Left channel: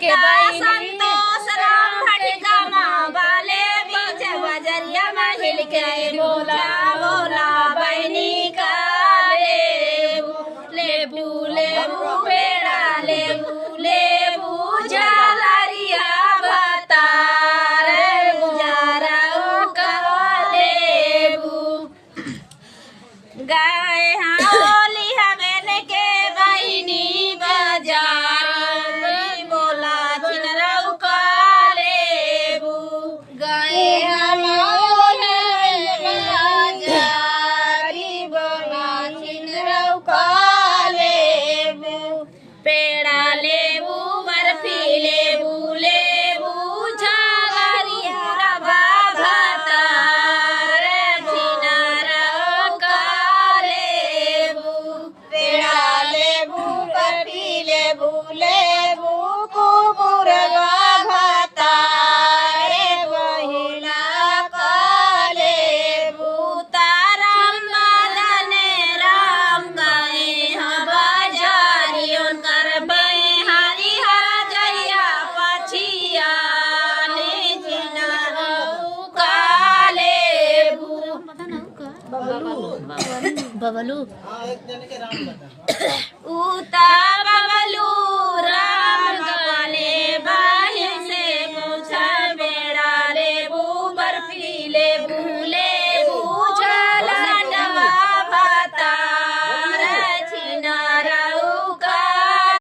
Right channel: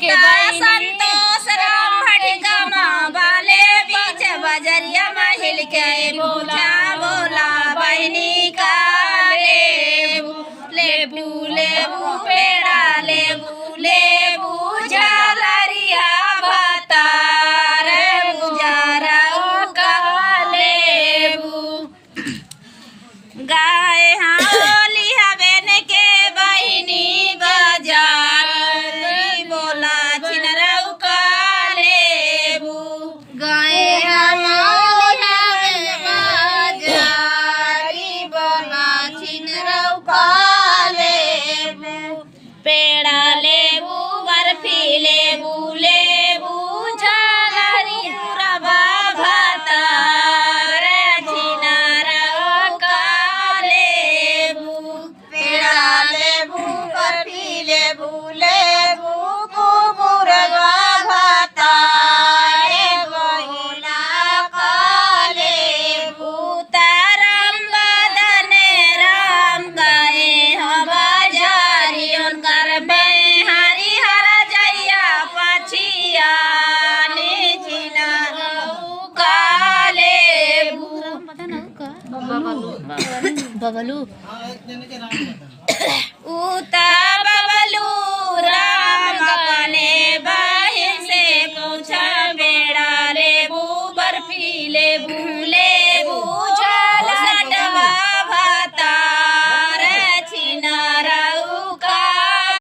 के संतोष राम भटका माँ बाले बीच बजरिया महिल के बोला बोला बहनी का लेबू लेबू पेड़ा लेबू लेबू झालरिया भतार गुजारा का लेबू गाय होली हवेन के बहिनी बाजार बोला चिनरऊ का लेबू गाय पेड़ा लेबू बर्फी लेबू लेबू झालरिया रवा भतार चिनरऊ का लेबू पेड़ा लेबू बर्फी लेबू लेबू कुकुरवा भतार बहिला का लेबू ताराम बदने राम गाए बजारियों कर हरि हर जैया पछिया ने चिनरऊ का लेबू बबलू उता बबलू